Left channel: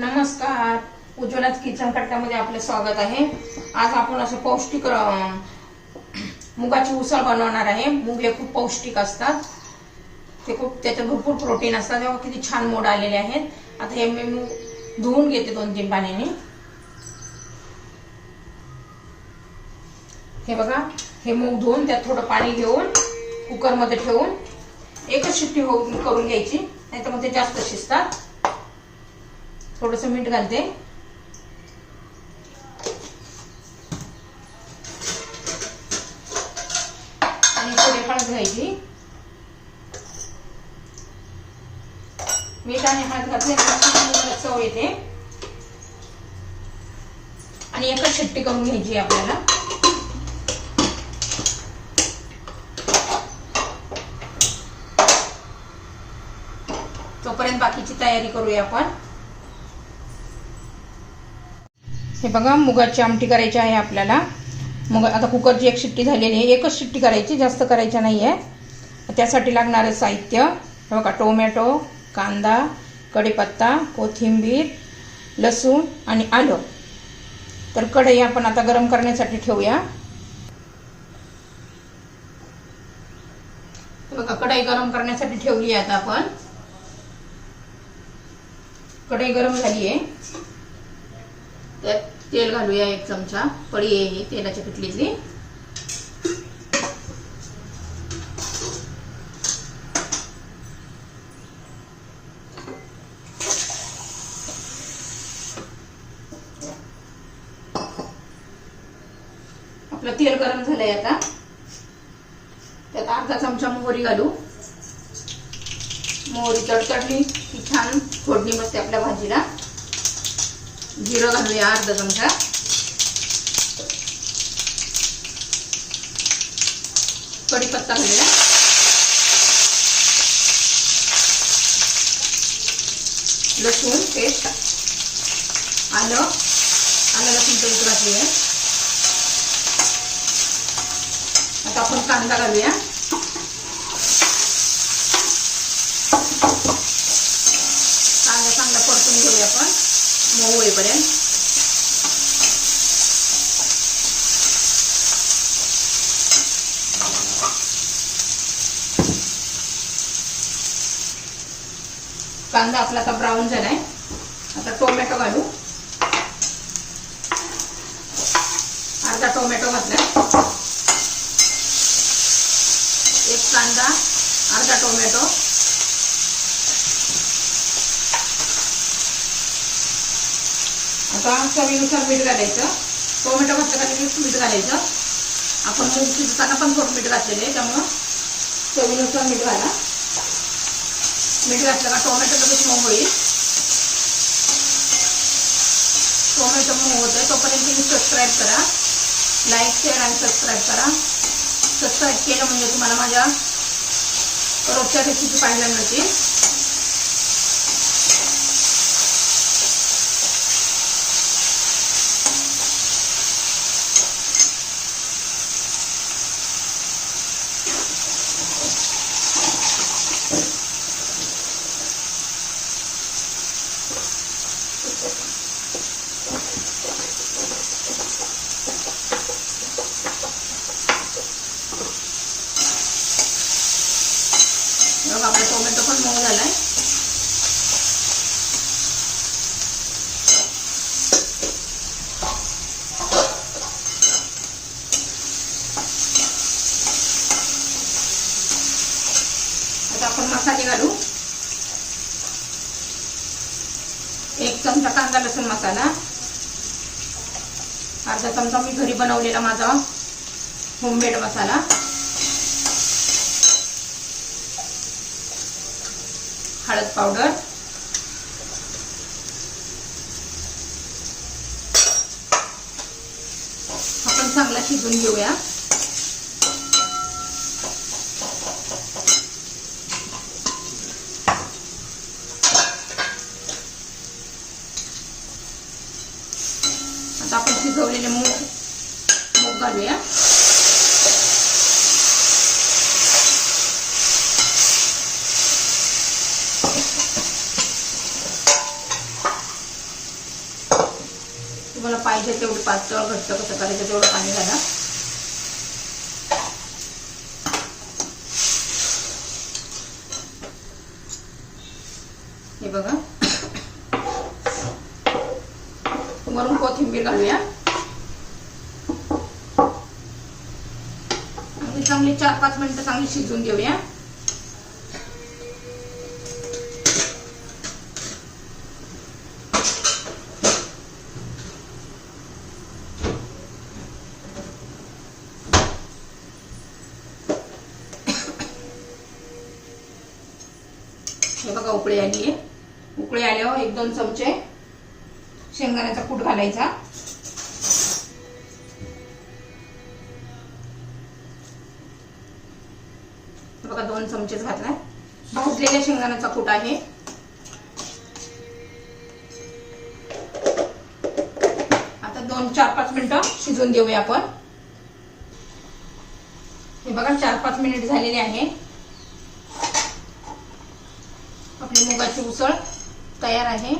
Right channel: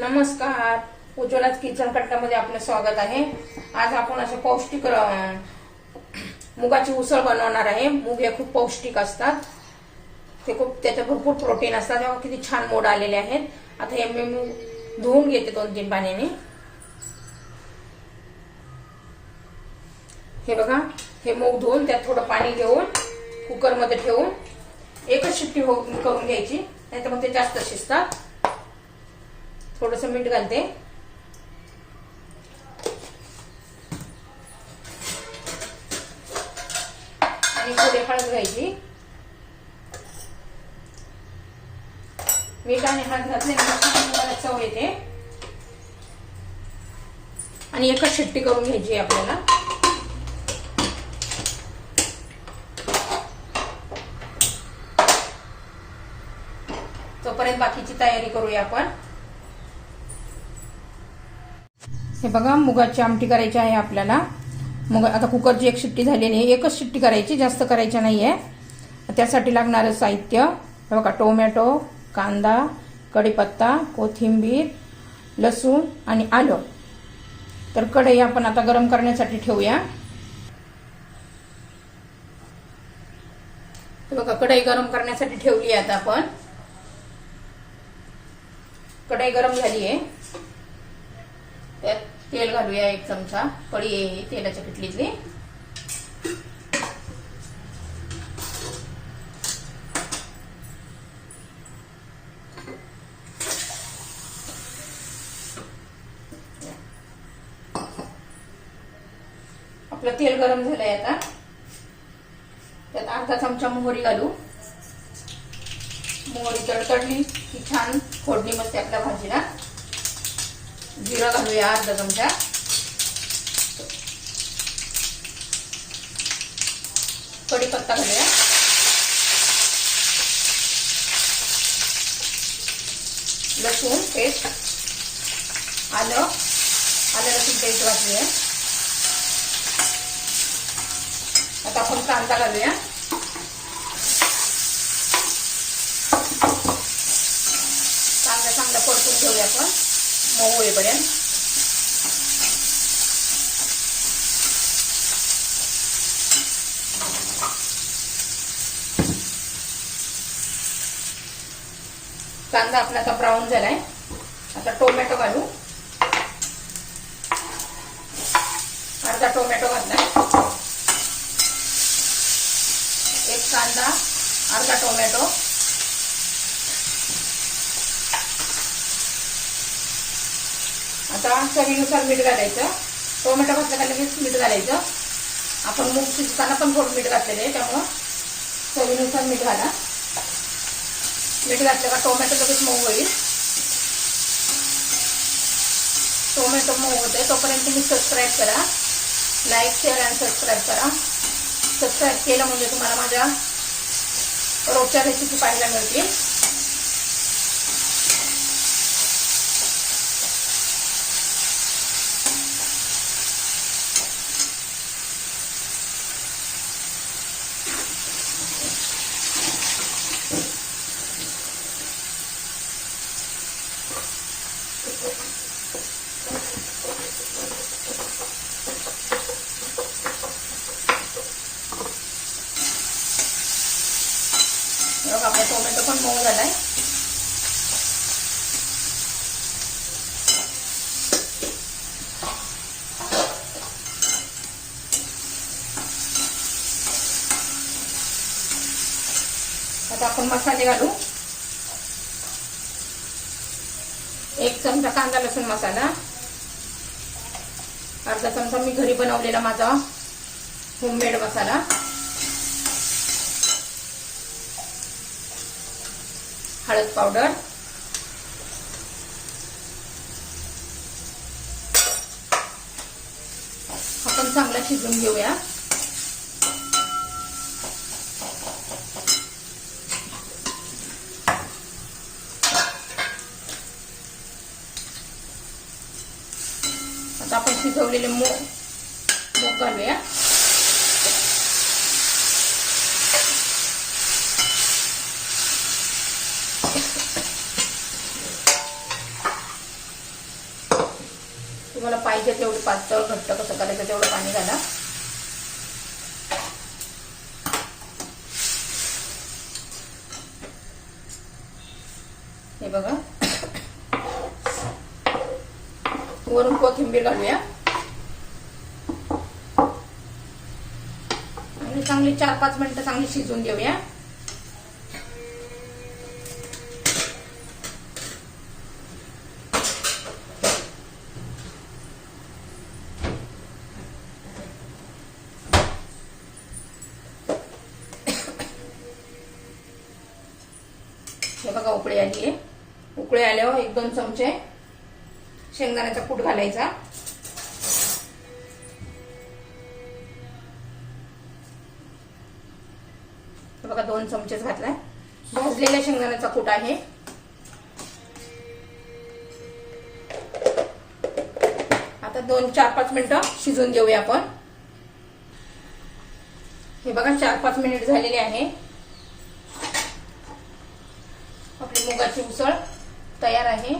नमस्कार. उज्ज्वलाच किचन कट्ट्यामध्ये आपलं स्वागत आहे. आज आपण असं पौष्टिक मुगाची उसळ बनवणार आहे. मूग हे खूप पौष्टिक असतात. ते खूप त्याच्यात भरपूर प्रोटीन असतात. तेव्हा किती छान मोड आलेले आहेत. आता हे मी मूग धुवून घेते दोन तीन पाण्याने. हे बघा हे मूग धुवून त्यात थोडं पाणी घेऊन कुकरमध्ये ठेवून एकच शिट्टी हो करून घ्यायची. नाही तर मग ते जास्त शिजतात. थोडस मीठ घालते. आणि थोडी हळद घ्यायची. मीठ आणि हळद घातल्यानंतर मला चव येते. आणि एकच शिट्टी करून घ्यायची आपल्याला. तोपर्यंत बाकीची तयारी करूया आपण. हे बघा मुगाची आमटी करायची आहे आपल्याला. मुग आता कुकरची एक शिट्टी झालेली आहे. एकच शिट्टी करायची जास्त करायच्या नाही आहे त्यासाठी लागणारं साहित्य. हे बघा टोमॅटो कांदा कढीपत्ता कोथिंबीर लसूण आणि आलं. तर कढई आपण आता गरम करण्यासाठी ठेवूया. बघा कढई गरम करण्यासाठी ठेवली आहे आता आपण. कढई गरम झाली आहे. तेल घालूया एक चमचा. पळी आहे तेलाच्या पिठलीतली. आपलं तेल गरम झालंय आता. त्यात अर्धा चमचा मोहरी घालू. मोहरी तडतडली की छान फोडणी मस्त आपल्या भाजीला. जिरा घालूया अर्धा चमचा. कढीपत्ता घालूया. लसूण पेस्ट आलं. आलं लसूण पेस्ट घातली आहे आता आपण कांदा घालूया. कांदा चांगला परतून घेऊया आपण. मऊ होईपर्यंत कांदा आपला आता ब्राऊन झालाय. आता टोमॅटो घालू. अर्धा टोमॅटो घातलाय. एक कांदा अर्धा टोमॅटो. आता चवीनुसार मीठ घालायचं. टोमॅटो घातलं का लगेच मीठ घालायचं. आपण मूग शिजताना पण थोडं मीठ घातलेलं आहे त्यामुळं चवीनुसार मीठ घाला. मीठ घातलं का टोमॅटो लगेच मऊ होईल. टोमॅटो मऊ होत आहे तोपर्यंत तुम्ही सबस्क्राईब करा. लाईक शेअर आणि सबस्क्राईब करा. सबस्क्राईब केलं म्हणजे तुम्हाला माझ्या रोजच्या रेसिपी पाहायला मिळतील. बघ आपला टोमॅटो पण मऊ आहे आता आपण मसाले घालू. एक चमचा कांदा लसूण मसाला. अर्धा चमचा मी घरी बनवलेला माझा होममेड मसाला. हळद पावडर. आपण चांगला शिजून घेऊया. आता आपण शिजवलेले मूग मूग घालूया तुम्हाला पाहिजे तेवढं पातळ घट्ट कसं करायचं तेवढं पाणी घाला. हे बघा. वरून कोथिंबीर घालूया. आणि चांगली चार पाच मिनिटं चांगली शिजवून घेऊया. हे बघा उकळी आली. आहे उकळी आल्यावर एक दोन चमचे शेंगदाण्याचा कूट घालायचा. बघा दोन चमचेच घातलाय. भाजलेल्या शेंगदाण्याचा कूट आहे. आता दोन चार पाच मिनिटं शिजून घेऊया आपण. हे बघा चार पाच मिनिट झालेले आहे. आपली मुगाची उसळ तयार आहे.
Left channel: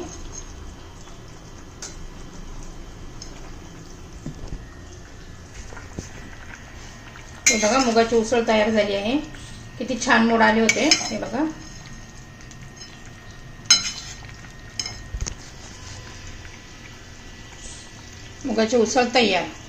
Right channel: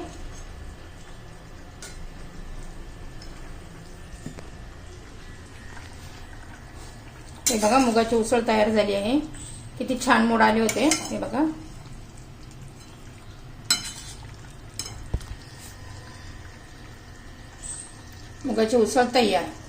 हे बघा मुगाची उसळ तयार झाली आहे. किती छान मोड आले होते. हे बघा. मुगाची उसळ तयार.